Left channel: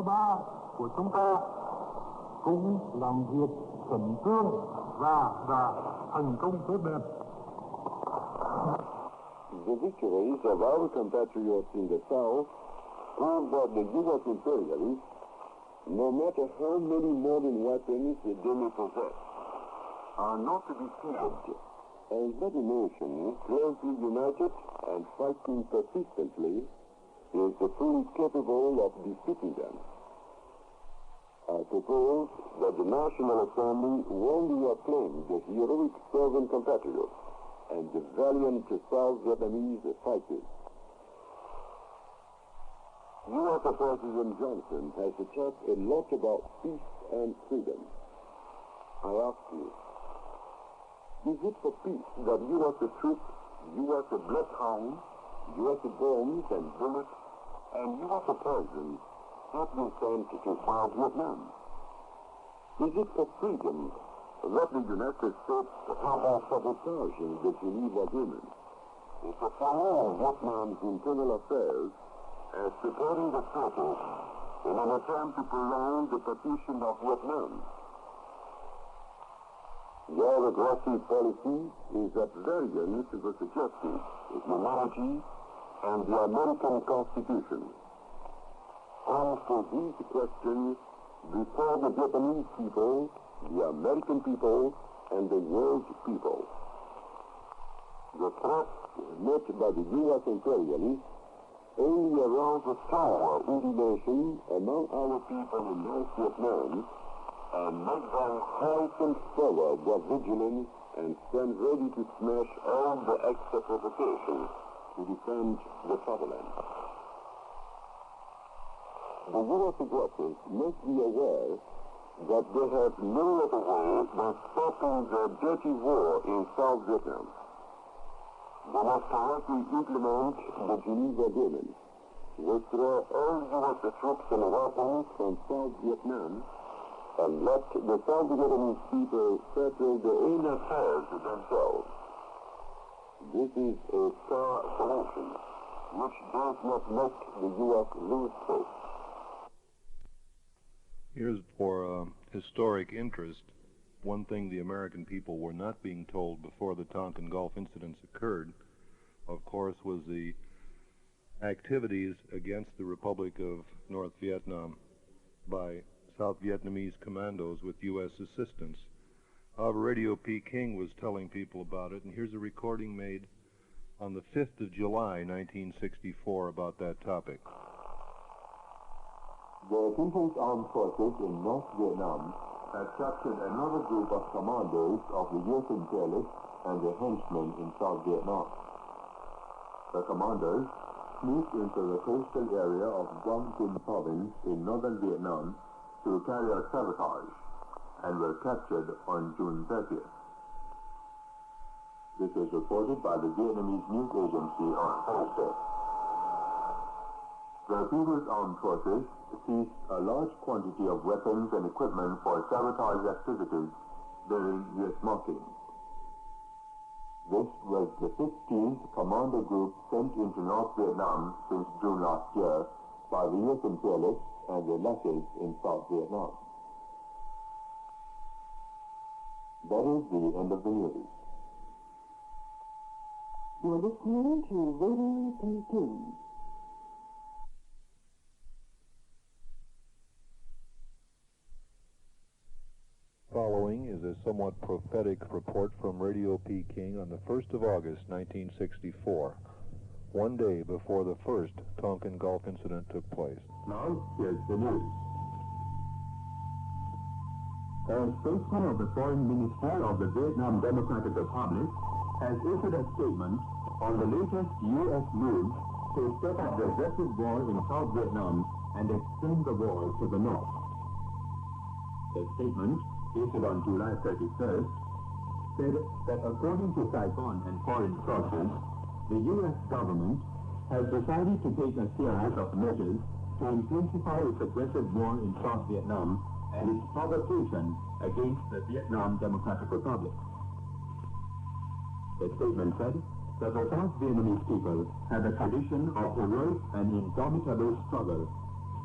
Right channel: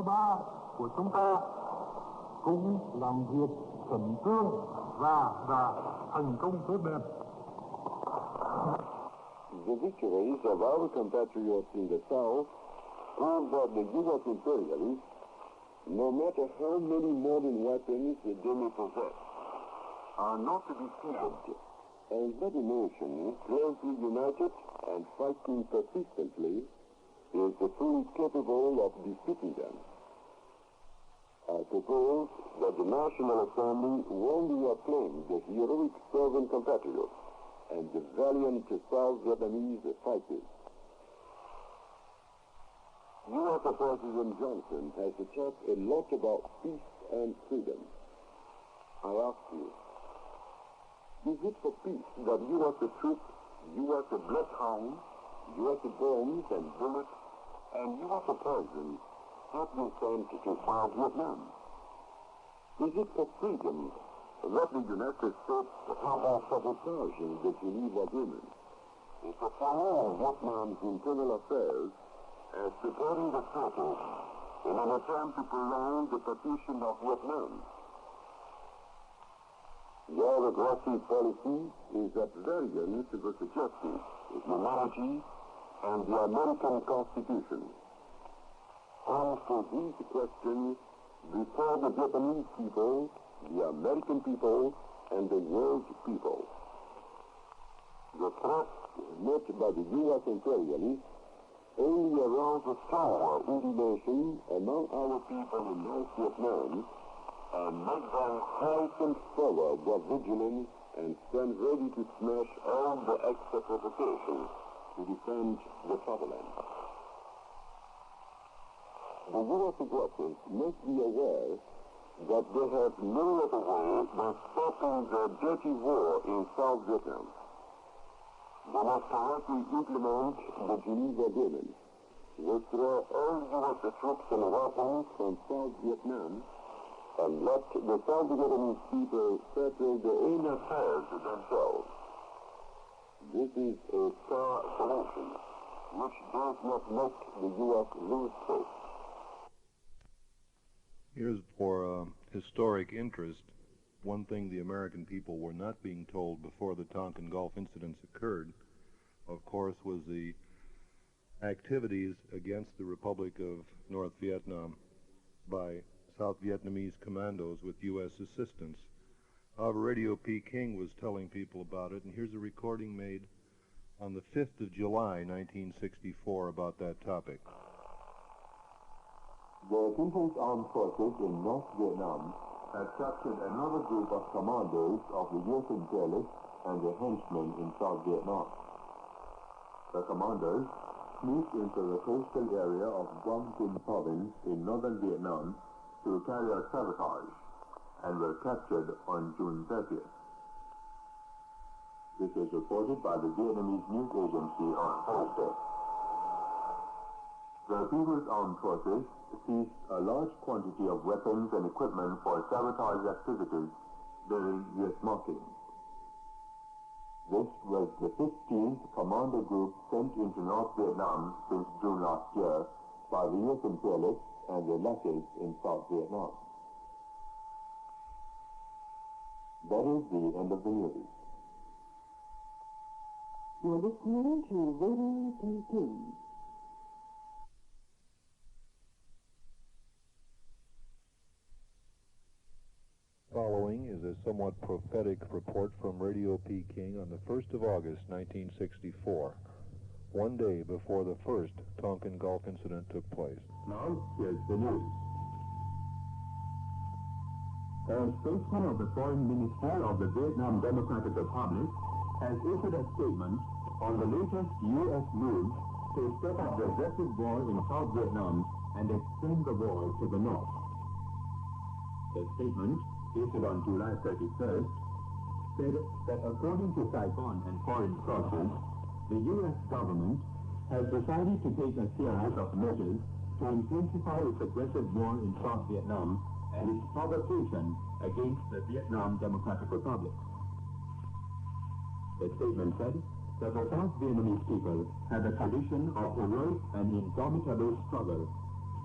ba của chúng ta cũng làm việc khẩn trương và thành công tốt đẹp. The victories of our compatriots in the South prove that the U.S. imperialists, no matter how many modern weapons they may possess, are not to be feared. And that a nation closely united and fighting persistently is fully capable of defeating them. I propose that the National Assembly warmly acclaim the heroic servant compatriots and the valiant South Vietnamese fighters. U.S. President Johnson has talked a lot about peace and freedom. I ask you, is it for peace that U.S. troops, U.S. bloodhounds, U.S. bombs and bullets, and U.S. poison have been sent to South Vietnam? Is it for freedom that the United States have sabotaging the Geneva Agreement? Is it for all Vietnam's internal affairs as preparing the surface in an attempt to prolong the partition of Vietnam? Your aggressive policy is at variance with the justice, humanity, and the American Constitution. Answer these questions before the Vietnamese people, the American people, and the world people. The threats met by the U.S. imperialists only arouse a sour indignation among our people in North Vietnam and make them heighten forward their vigilance and stand ready to smash all the extra provocations to defend the fatherland. The U.S. aggressors must be aware that they have no other way than stopping the dirty war in South Vietnam. They must correctly implement the Geneva Agreement, withdraw all U.S. troops and weapons from South Vietnam, and let the South Vietnamese people settle their own affairs themselves. This is a fair solution, which does not make the U.S. lose hope. Here's for historic interest. One thing the American people were not being told before the Tonkin Gulf incidents occurred, of course, was the activities against the Republic of North Vietnam by South Vietnamese commandos with U.S. assistance. However, Radio Peking was telling people about it, and here's a recording made on the 5th of July, 1964, about that topic. The People's Armed Forces in North Vietnam had captured another group of commandos of the U.S. imperialists and their henchmen in South Vietnam. The commandos sneaked into the coastal area of Dong Kinh province in northern Vietnam to carry out sabotage and were captured on June 30th. This was reported by the Vietnamese news agency on Thursday. The People's Armed Forces seized a large quantity of weapons and equipment for sabotage activities during U.S. markings. This was the 15th commando group sent into North Vietnam since June last year by the U.S. imperialists and their lackeys in South Vietnam. That is the end of the news. You're listening to Radio Peking. Following is a somewhat prophetic report from Radio Peking on the 1st of August, 1964, one day before the first Tonkin Gulf incident took place. Now, here's the news. A spokesman of the Foreign Ministry of the Vietnam Democratic Republic has issued a statement on the latest U.S. move to stop up the aggressive war in South Vietnam and extend the war to the north. The statement, issued on July 31st, said that according to Saigon and foreign sources, the U.S. government has decided to take a series of measures to intensify its aggressive war in South Vietnam and its provocation against the Vietnam Democratic Republic. The statement said that the South Vietnamese people have a tradition of heroic and indomitable struggle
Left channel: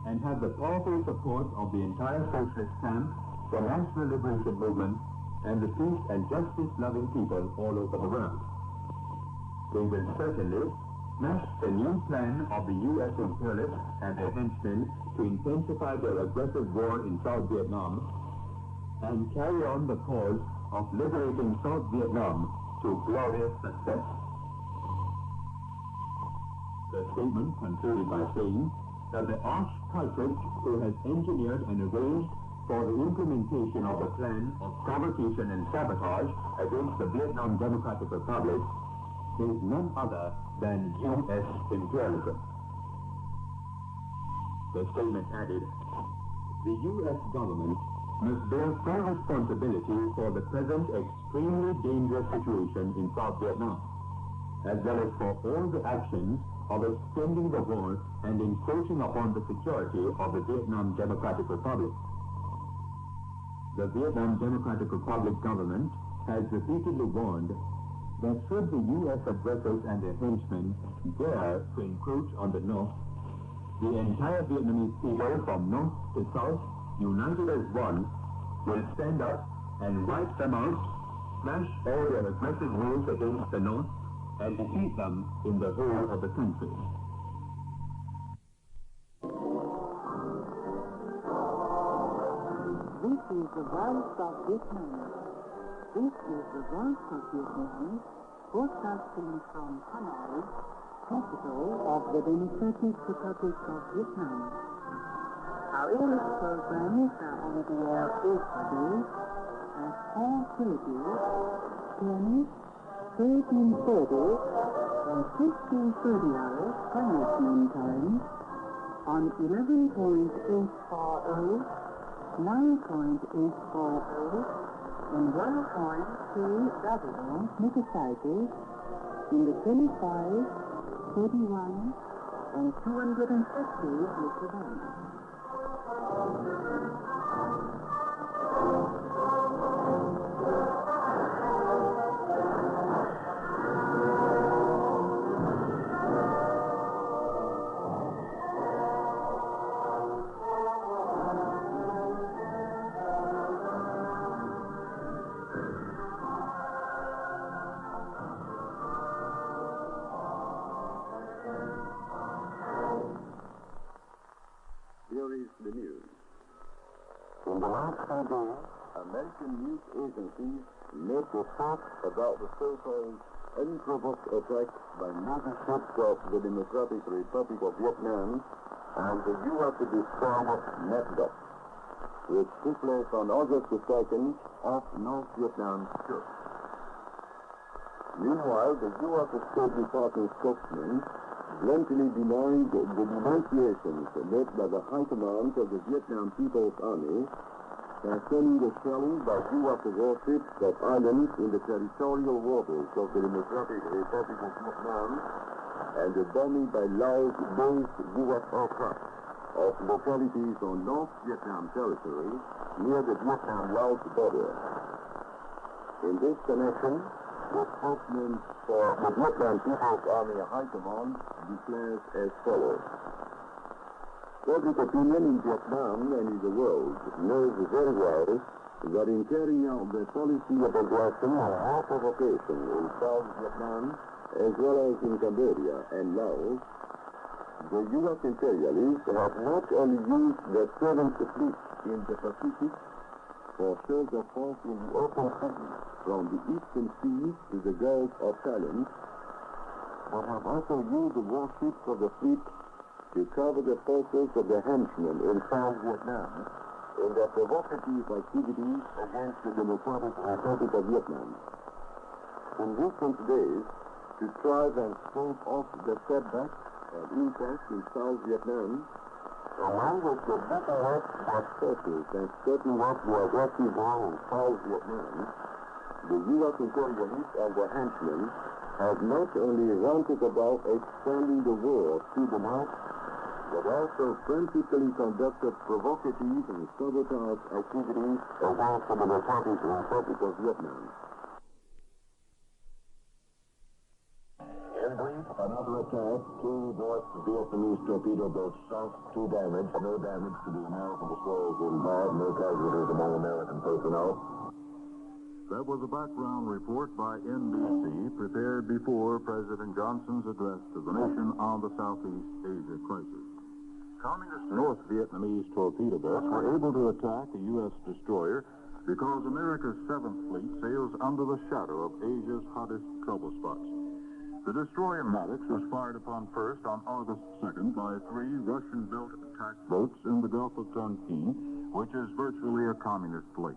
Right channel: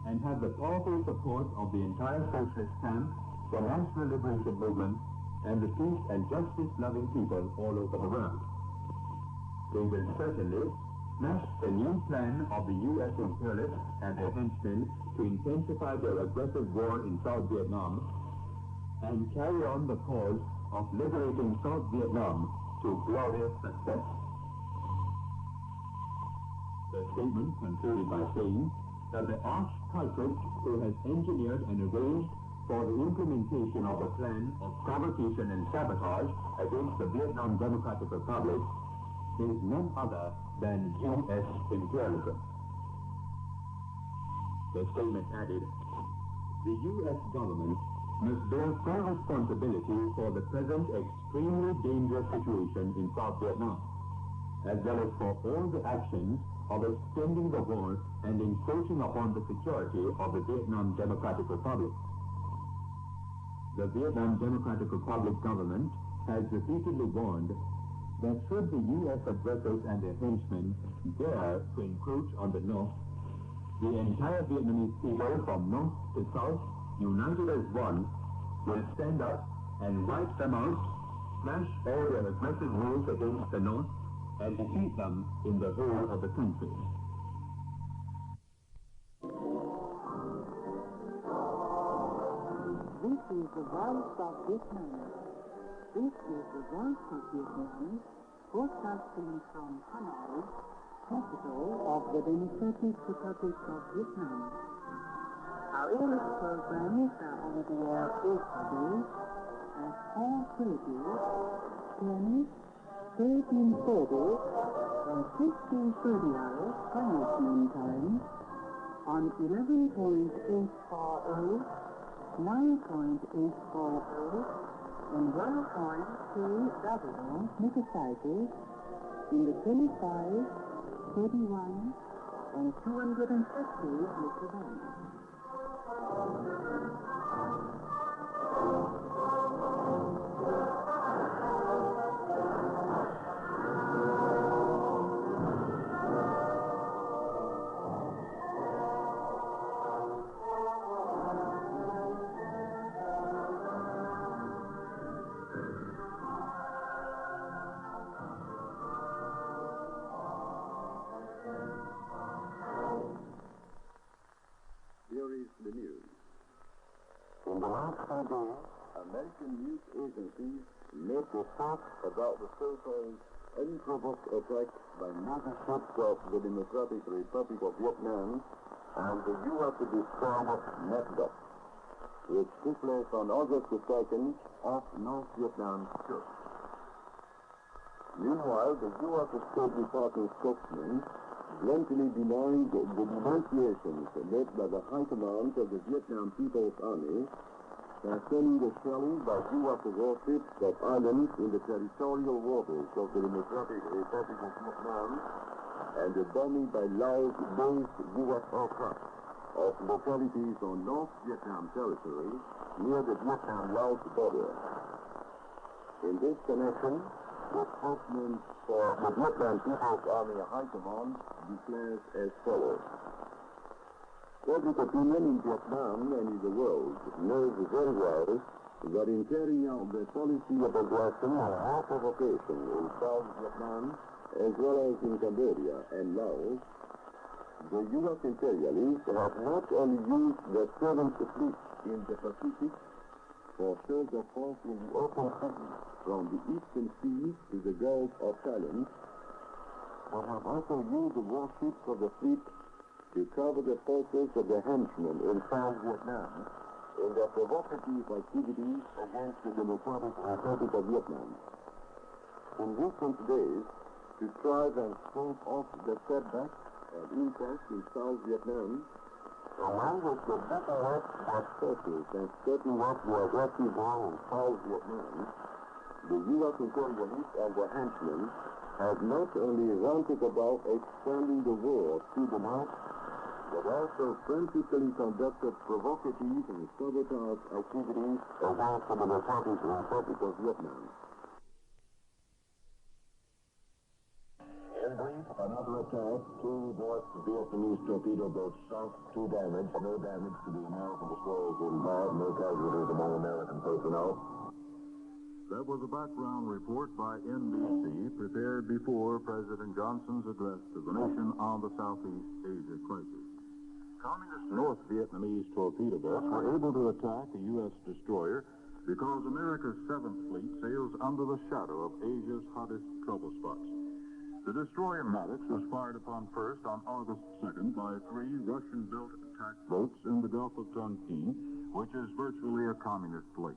and had the powerful support of the entire socialist camp, the national liberation movement, and the peace and justice-loving people all over the world. They will certainly smash the new plan of the U.S. imperialists and their henchmen to intensify their aggressive war in South Vietnam and carry on the cause of liberating South Vietnam to glorious success. The statement concluded by saying that the arch-culprit who has engineered and arranged for the implementation of a plan of provocation and sabotage against the Vietnam Democratic Republic is none other than U.S. imperialism. The statement added, the U.S. government must bear full responsibility for the present extremely dangerous situation in South Vietnam, as well as for all the actions of extending the war and encroaching upon the security of the Vietnam Democratic Republic. The Vietnam Democratic Republic government has repeatedly warned that should the U.S. aggressors and their henchmen dare to encroach on the North, the entire Vietnamese people from North to South, united as one, will stand up and wipe them out, smash all their aggressive moves against the North, and defeat them in the whole of the country. This is the voice of Vietnam. This is the voice of Vietnam, broadcasting from Hanoi, capital of the Democratic Republic of Vietnam. Our English programs are on the air every day at 4:30, 10, 13:30, and 15:30 hours Greenwich Mean Time on 11.840, 9.840, and 1.3W megacycles in the 25, 31, and 250 meter bands. Here is the news. In the last 5 days, American news agencies made reports about the so-called unprovoked attacks by Navy ships of the Democratic Republic of Vietnam and the U.S. destroyer Remastered, which took place on August the 2nd off North Vietnam coast. Meanwhile, the U.S. State Department spokesman bluntly denied the denunciations made by the high command of the Vietnam People's Army concerning the shelling by U.S. warships of islands in the territorial waters of the Democratic Republic of Vietnam and the bombing by Laos-based U.S. aircraft of localities on North Vietnam territory near the Vietnam-Laos border. In this connection, the spokesman for the Vietnam People's Army High Command declares as follows. Public opinion in Vietnam and in the world knows very well that in carrying out their policy of aggression and war provocation in South Vietnam, as well as in Cambodia and Laos, the U.S. imperialists have not only used their 7th fleet in the Pacific for shows of force in the open sea from the eastern seas to the Gulf of Thailand, but have also used the warships of the fleet to cover the forces of the henchmen in South Vietnam in their provocative activities against the Democratic Republic of Vietnam. In recent days, to try and stave off the setbacks and impacts in South Vietnam, along with the better work by forces and stepping up the aggressive war in South Vietnam, the U.S. imperialists and their henchmen have not only ranted about expanding the war to the north, but also frantically conducted provocative and sabotage activities against the Democratic Republic of Vietnam. In brief, another south, 2 North Vietnamese torpedo boats sunk, 2 damaged. No damage to the American destroyers involved. No casualties among American personnel. That was a background report by NBC prepared before President Johnson's address to the nation on the Southeast Asia crisis. Communist North Vietnamese torpedo boats were able to attack a U.S. destroyer because America's 7th Fleet sails under the shadow of Asia's hottest trouble spots. The destroyer Maddox was fired upon first on August 2nd by 3 Russian-built attack boats in the Gulf of Tonkin, which is virtually a communist fleet.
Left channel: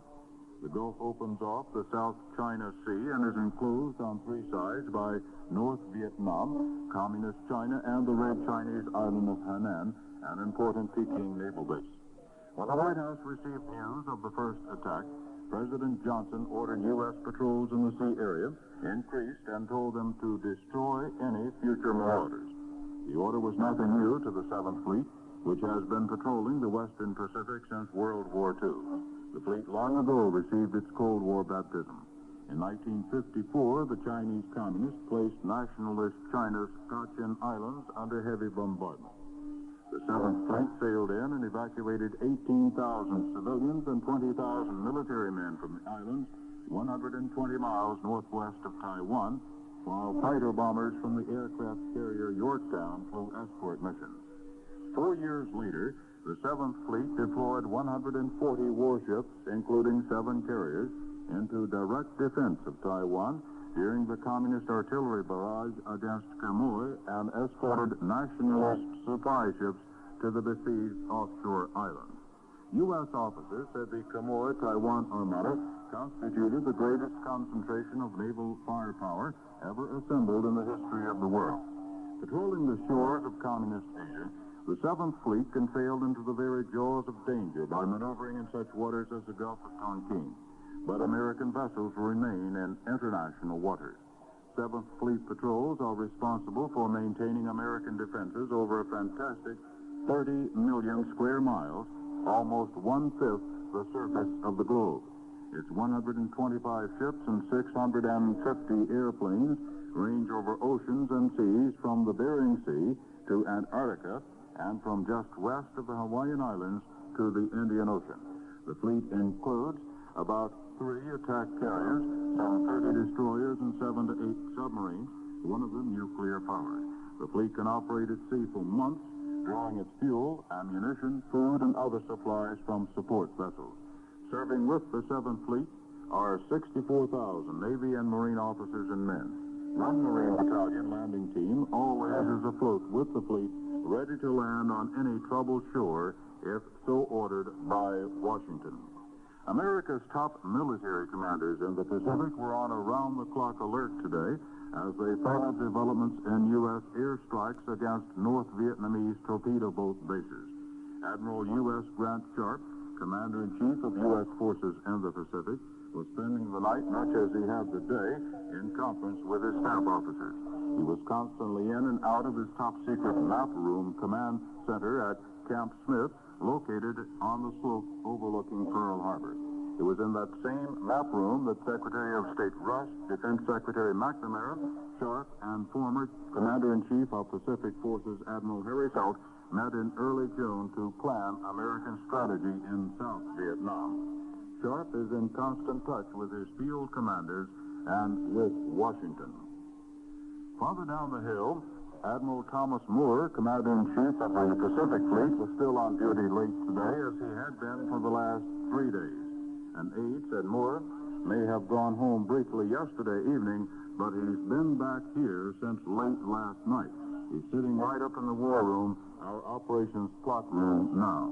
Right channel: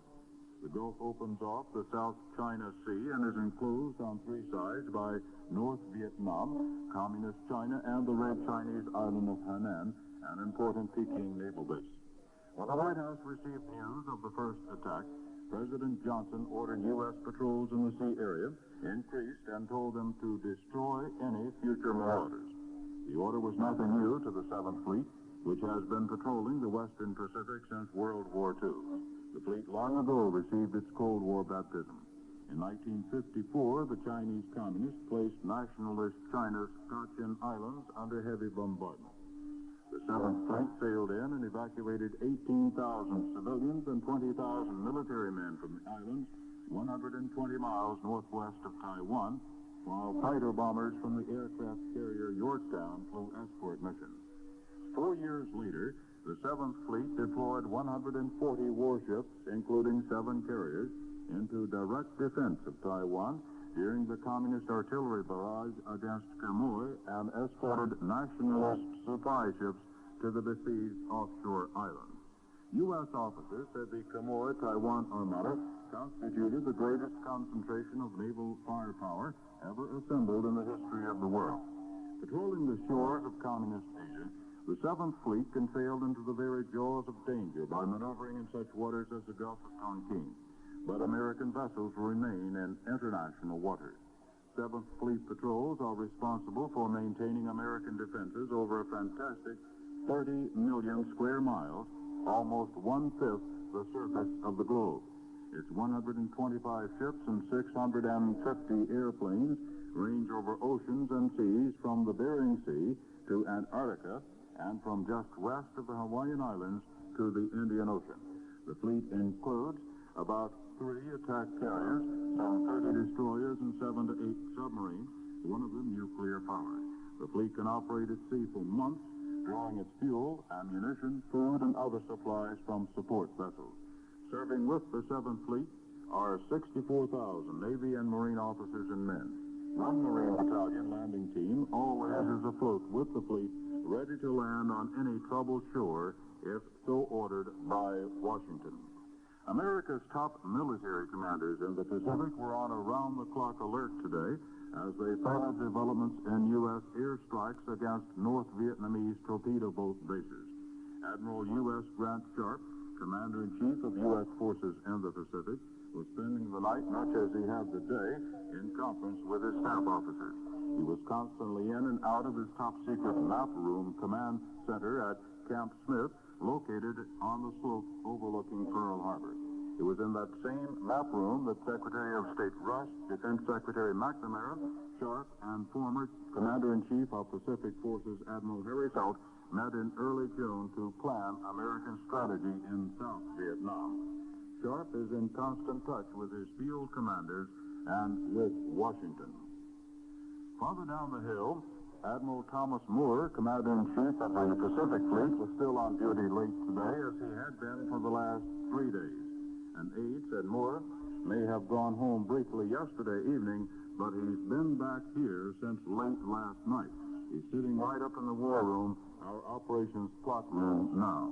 The Gulf opens off the South China Sea and is enclosed on 3 sides by North Vietnam, Communist China, and the Red Chinese island of Hainan, an important Peking naval base. When the White House received news of the first attack, President Johnson ordered U.S. patrols in the sea area, increased, and told them to destroy any future marauders. The order was nothing new to the 7th Fleet, which has been patrolling the Western Pacific since World War II. The fleet long ago received its Cold War baptism. In 1954, the Chinese Communists placed nationalist China's Cochin Islands under heavy bombardment. The 7th Fleet sailed in and evacuated 18,000 civilians and 20,000 military men from the islands, 120 miles northwest of Taiwan, while fighter bombers from the aircraft carrier Yorktown flew escort missions. 4 years later, the 7th Fleet deployed 140 warships, including 7 carriers, into direct defense of Taiwan during the communist artillery barrage against Quemoy and escorted nationalist supply ships to the besieged offshore islands. U.S. officers said the Quemoy-Taiwan Armada constituted the greatest concentration of naval firepower ever assembled in the history of the world. Patrolling the shores of communist Asia, the 7th Fleet can sail into the very jaws of danger by maneuvering in such waters as the Gulf of Tonkin. But American vessels remain in international waters. 7th Fleet patrols are responsible for maintaining American defenses over a fantastic 30 million square miles, almost 1/5 the surface of the globe. Its 125 ships and 650 airplanes range over oceans and seas from the Bering Sea to Antarctica and from just west of the Hawaiian Islands to the Indian Ocean. The fleet includes about 3 attack carriers, some 30 destroyers, and 7 to 8 submarines, one of them nuclear-powered. The fleet can operate at sea for months, drawing its fuel, ammunition, food, and other supplies from support vessels. Serving with the 7th Fleet are 64,000 Navy and Marine officers and men. One Marine Battalion landing team always is afloat with the fleet, ready to land on any troubled shore if so ordered by Washington. America's top military commanders in the Pacific were on around-the-clock alert today as they followed developments in U.S. airstrikes against North Vietnamese torpedo boat bases. Admiral U.S. Grant Sharp, Commander-in-Chief of U.S. forces in the Pacific, was spending the night, much as he had the day, in conference with his staff officers. He was constantly in and out of his top-secret map room command center at Camp Smith, located on the slope overlooking Pearl Harbor. It was in that same map room that Secretary of State Rush, Defense Secretary McNamara, Sharp, and former Commander-in-Chief of Pacific Forces Admiral Harry Felt met in early June to plan American strategy in South Vietnam. Sharp is in constant touch with his field commanders and with Washington. Farther down the hill, Admiral Thomas Moore, Commander-in-Chief of the Pacific Fleet, was still on duty late today, as he had been for the last 3 days. An aide said Moore may have gone home briefly yesterday evening, but he's been back here since late last night. He's sitting right up in the war room, our operations plot room now.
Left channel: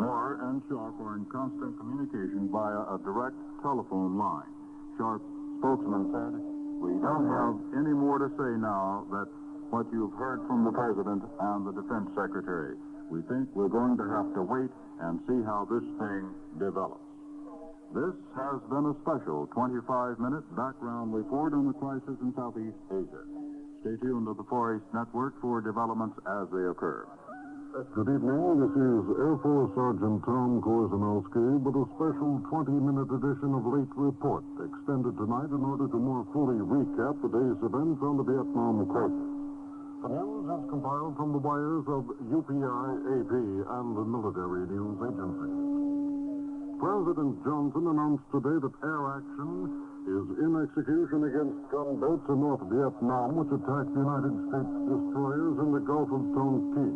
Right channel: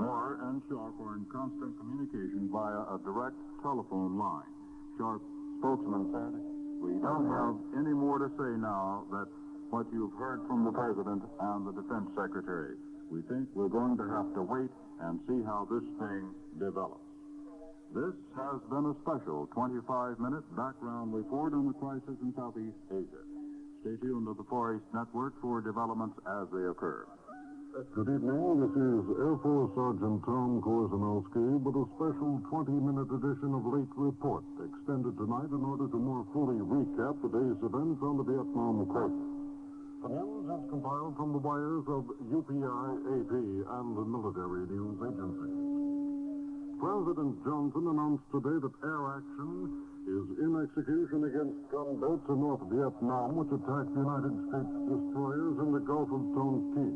Moore and Sharp are in constant communication via a direct telephone line. Sharp's spokesman said, "We don't have any more to say now that what you've heard from the President and the Defense Secretary. We think we're going to have to wait and see how this thing develops." This has been a special 25-minute background report on the crisis in Southeast Asia. Stay tuned to the Far East Network for developments as they occur. Good evening. This is Air Force Sergeant Tom Korzenowski with a special 20-minute edition of Late Report, extended tonight in order to more fully recap the day's events on the Vietnam crisis. The news is compiled from the wires of UPI, AP, and the military news agency. President Johnson announced today that air action is in execution against gunboats in North Vietnam, which attacked United States destroyers in the Gulf of Tonkin.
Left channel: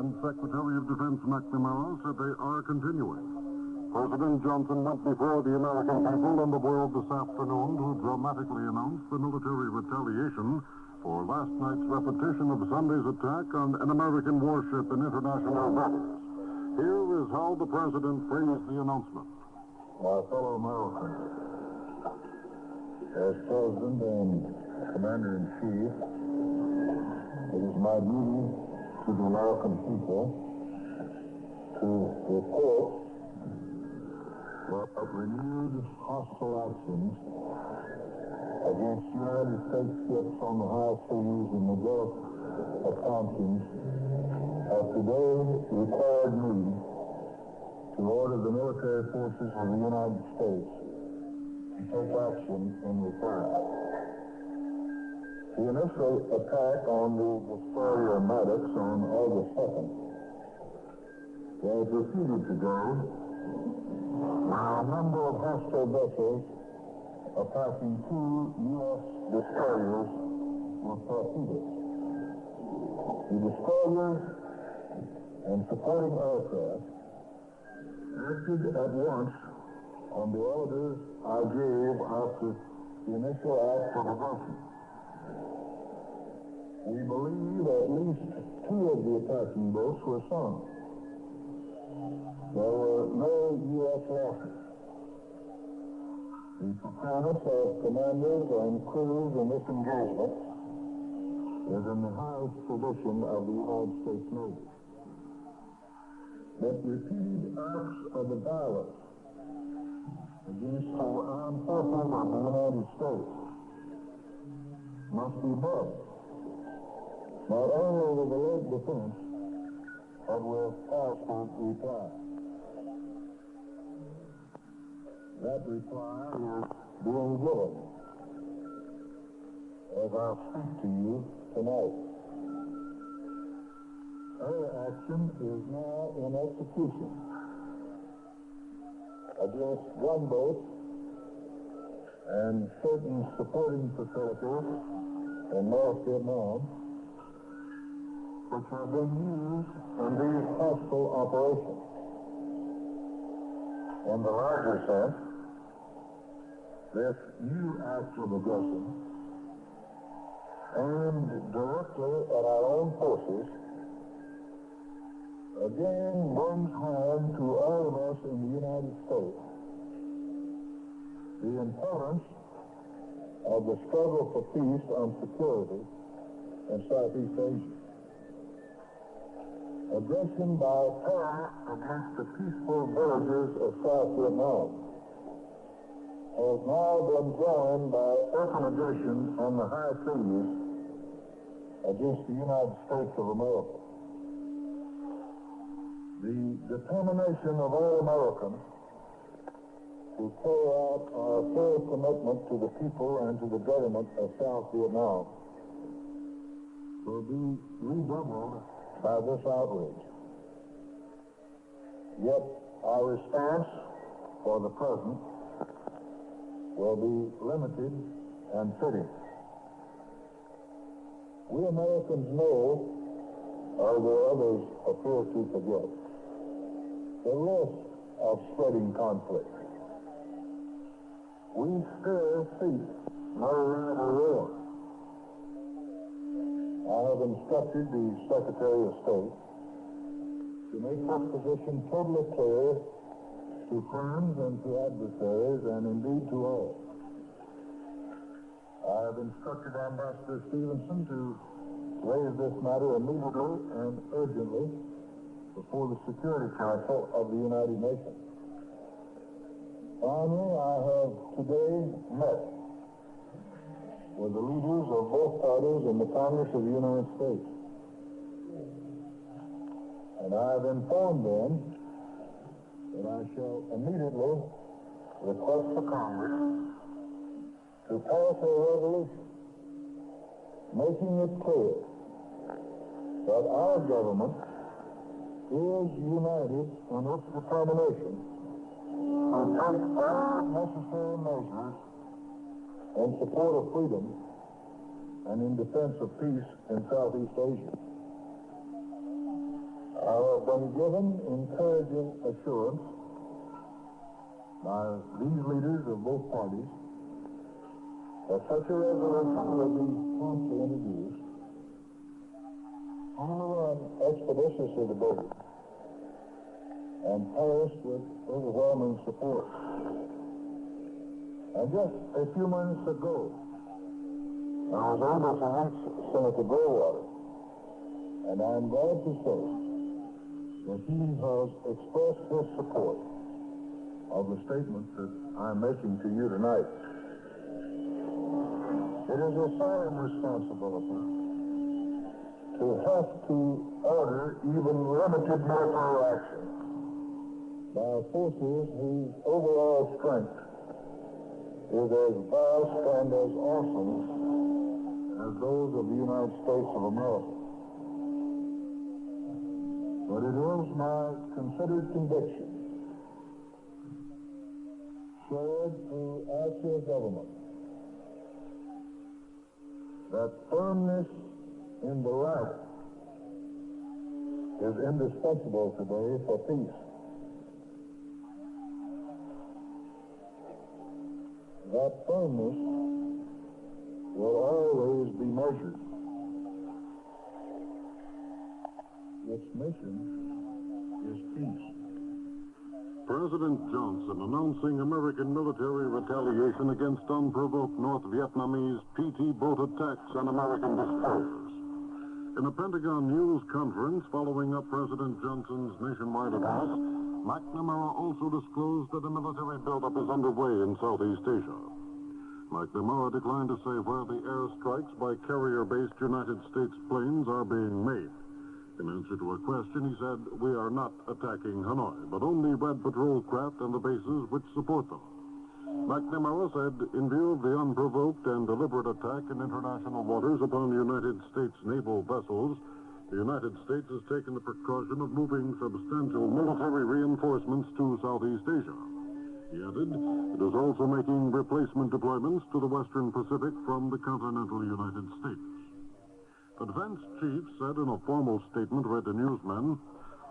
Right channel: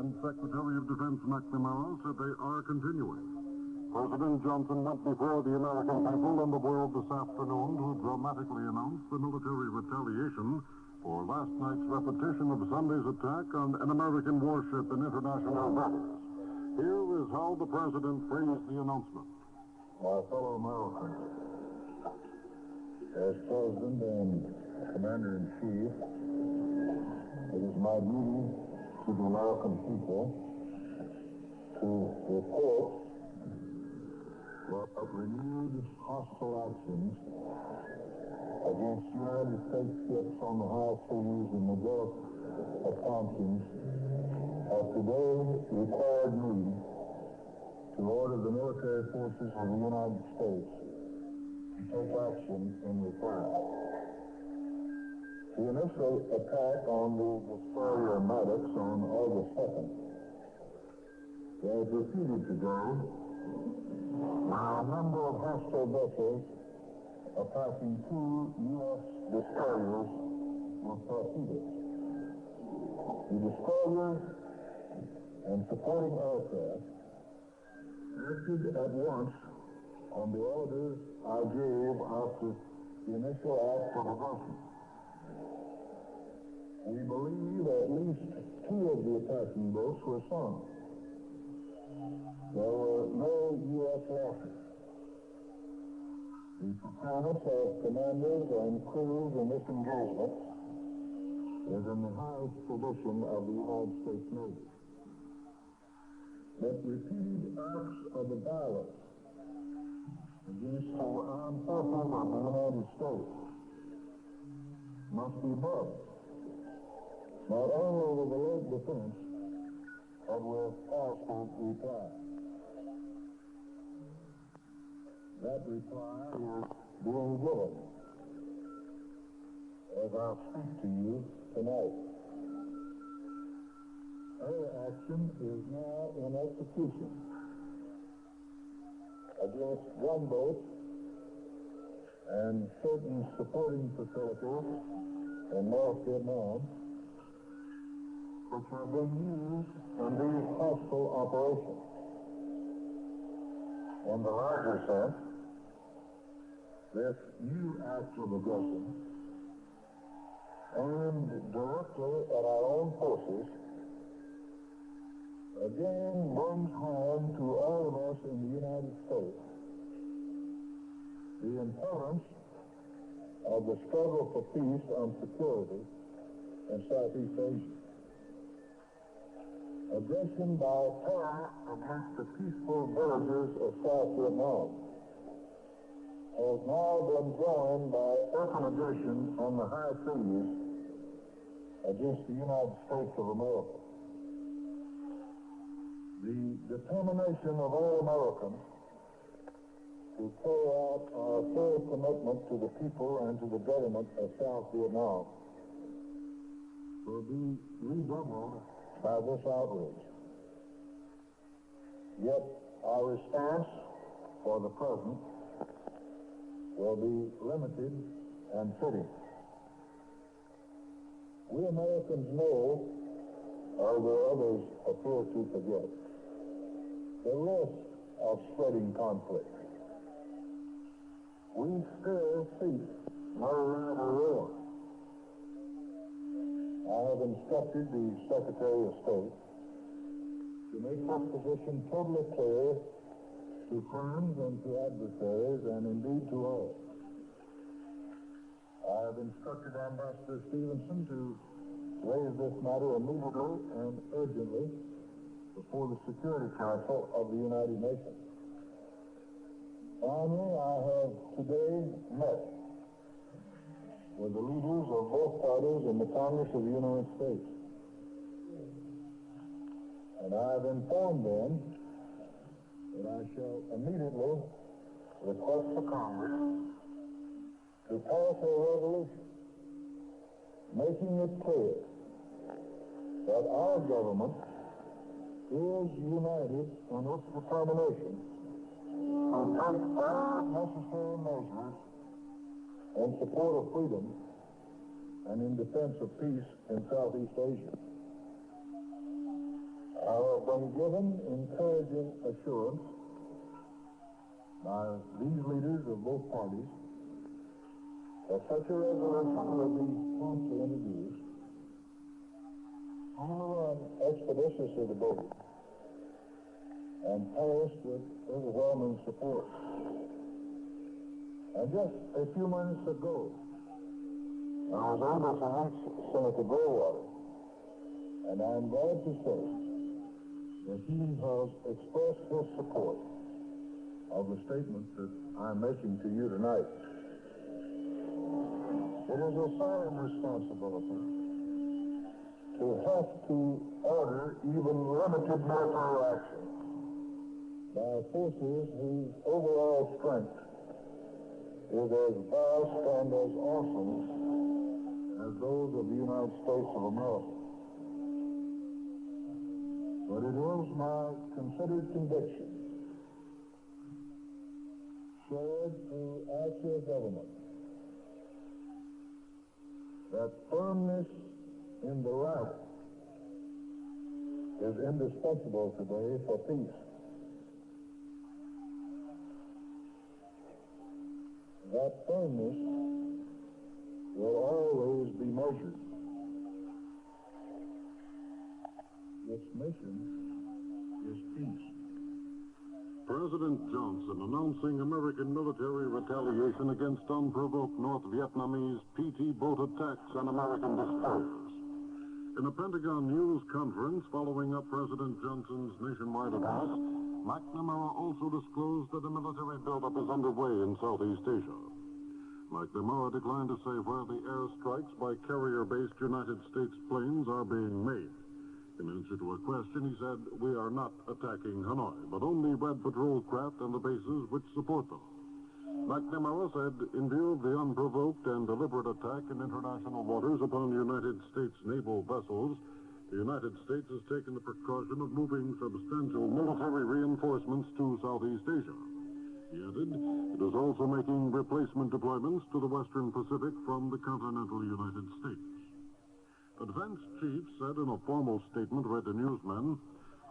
And Secretary of Defense McNamara said they are continuing. President Johnson went before the American people and the world this afternoon to dramatically announce the military retaliation for last night's repetition of Sunday's attack on an American warship in international waters. Here is how the president phrased the announcement. My fellow Americans, as President and Commander-in-Chief, it is my duty to the American people to report that renewed hostile actions against United States ships on the high seas in the Gulf of Tonkin have today required me to order the military forces of the United States to take action in reply. The initial attack on the destroyer Maddox on August 2nd was repeated today by a number of hostile vessels attacking two U.S. destroyers with torpedoes. The destroyers and supporting aircraft acted at once on the orders I gave after the initial act of aggression. We believe at least two of the attacking boats were sunk. There were no U.S. losses. The performance of commanders and crews in this engagement is in the highest tradition of the United States Navy. But repeated acts of violence against the armed forces of the United States must be met, not only with alert defense, but with powerful reply. That reply is being given as I speak to you tonight. Our action is now in execution against gunboats and certain supporting facilities in North Vietnam, which have been used in these hostile operations. In the larger sense, this new act of aggression, aimed directly at our own forces, again brings home to all of us in the United States the importance of the struggle for peace and security in Southeast Asia. Aggression by terror against the peaceful villages of South Vietnam has now been joined by open aggression on the high seas against the United States of America. The determination of all Americans to carry out our full commitment to the people and to the government of South Vietnam will be redoubled by this outrage. Yet our response for the present will be limited and fitting. We Americans know, although others appear to forget, the risk of spreading conflict. We still seek no rival war. I have instructed the Secretary of State to make this position totally clear to friends and to adversaries, and indeed to all. I have instructed Ambassador Stevenson to raise this matter immediately and urgently before the Security Council of the United Nations. Finally, I have today met with the leaders of both parties in the Congress of the United States. And I have informed them that I shall immediately request the Congress to pass a resolution making it clear that our government is united in its determination to take all necessary measures in support of freedom and in defense of peace in Southeast Asia. I have been given encouraging assurance by these leaders of both parties that such a resolution will be promptly introduced and will run expeditiously debated and passed with overwhelming support. And just a few minutes ago, I was able to reach Senator Goldwater, and I'm glad to say that he has expressed his support of the statement that I'm making to you tonight. It is a solemn responsibility to have to order even limited military action by forces whose overall strength is as vast and as awesome as those of the United States of America. But it is my considered conviction, shared through our SIA government, that firmness in the right is indispensable today for peace. That firmness will always be measured. Its mission is peace. President Johnson announcing American military retaliation against unprovoked North Vietnamese PT boat attacks on American destroyers. In a Pentagon news conference following up President Johnson's nationwide address, McNamara also disclosed that a military buildup is underway in Southeast Asia. McNamara declined to say where the airstrikes by carrier-based United States planes are being made. In answer to a question, he said, "We are not attacking Hanoi, but only Red Patrol craft and the bases which support them." McNamara said, in view of the unprovoked and deliberate attack in international waters upon United States naval vessels, the United States has taken the precaution of moving substantial military reinforcements to Southeast Asia. He added, it is also making replacement deployments to the Western Pacific from the continental United States. The defense chief said in a formal statement read to newsmen,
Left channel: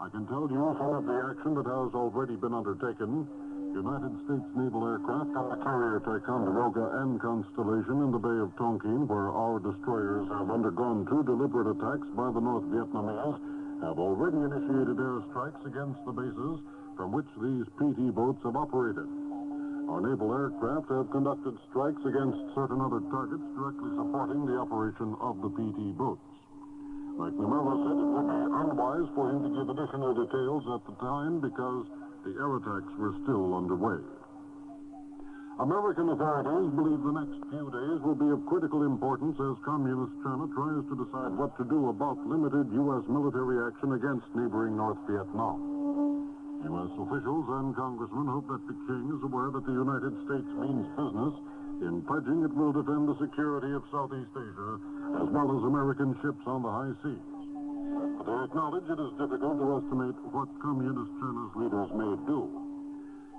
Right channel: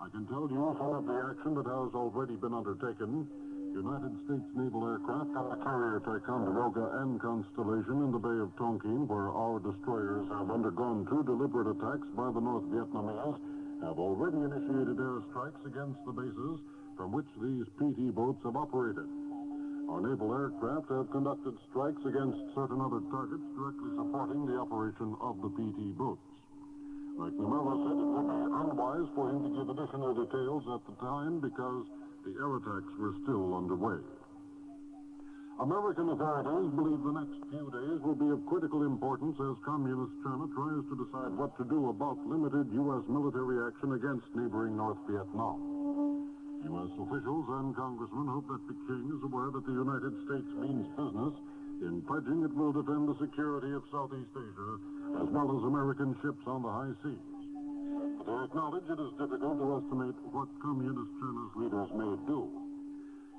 "I can tell you some of the action that has already been undertaken. United States naval aircraft on the carrier Ticonderoga and Constellation in the Bay of Tonkin, where our destroyers have undergone 2 deliberate attacks by the North Vietnamese, have already initiated airstrikes against the bases from which these PT boats have operated. Our naval aircraft have conducted strikes against certain other targets directly supporting the operation of the PT boats." McNamara said it would be unwise for him to give additional details at the time because the air attacks were still underway. American authorities believe the next few days will be of critical importance as Communist China tries to decide what to do about limited U.S. military action against neighboring North Vietnam. U.S. officials and congressmen hope that Peking is aware that the United States means business in pledging it will defend the security of Southeast Asia as well as American ships on the high seas. But they acknowledge it is difficult to estimate what Communist China's leaders may do.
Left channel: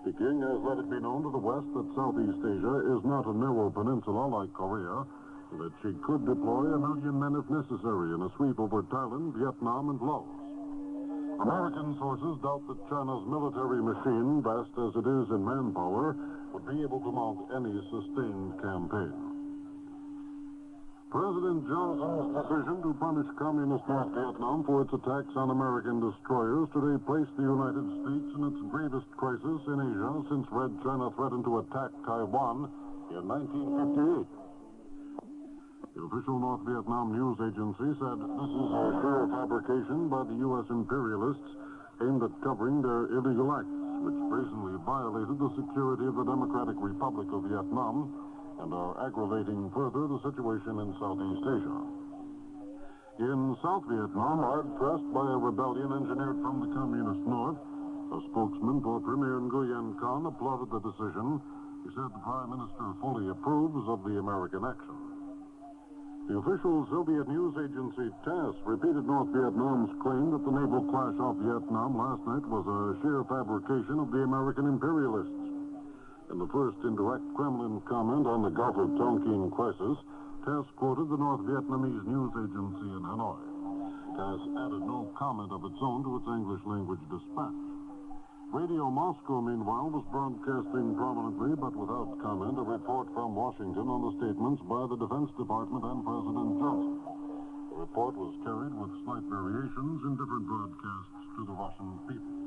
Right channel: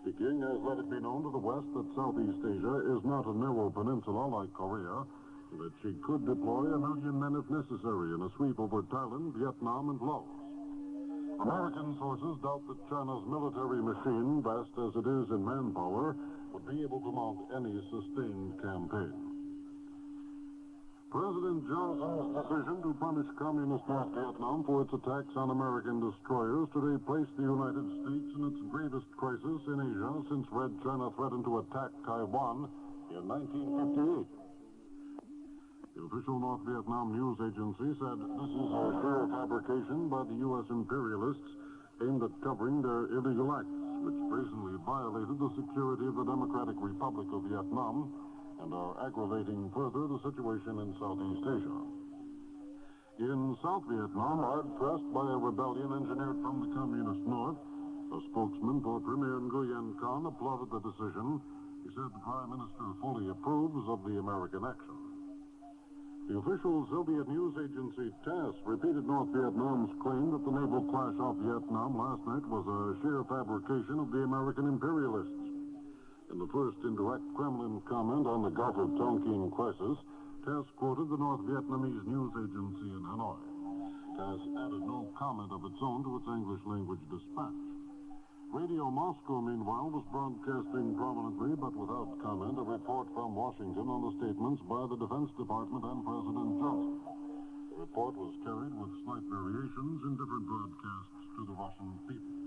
Peking has let it be known to the West that Southeast Asia is not a narrow peninsula like Korea, and that she could deploy 1 million men if necessary in a sweep over Thailand, Vietnam, and Laos. American sources doubt that China's military machine, vast as it is in manpower, would be able to mount any sustained campaign. President Johnson's decision to punish Communist North Vietnam for its attacks on American destroyers today placed the United States in its gravest crisis in Asia since Red China threatened to attack Taiwan in 1958. The official North Vietnam news agency said this is a sheer fabrication by the U.S. imperialists aimed at covering their illegal acts, which brazenly violated the security of the Democratic Republic of Vietnam and are aggravating further the situation in Southeast Asia. In South Vietnam, hard pressed by a rebellion engineered from the Communist North, a spokesman for Premier Nguyen Khan applauded the decision. He said the Prime Minister fully approves of the American action. The official Soviet news agency TASS repeated North Vietnam's claim that the naval clash off Vietnam last night was a sheer fabrication of the American imperialists. In the first indirect Kremlin comment on the Gulf of Tonkin crisis, TASS quoted the North Vietnamese news agency in Hanoi. TASS added no comment of its own to its English-language dispatch. Radio Moscow, meanwhile, was broadcasting prominently, but without comment, a report from Washington on the statements by the Defense Department and President Johnson. The report was carried with slight variations in different broadcasts to the Russian people.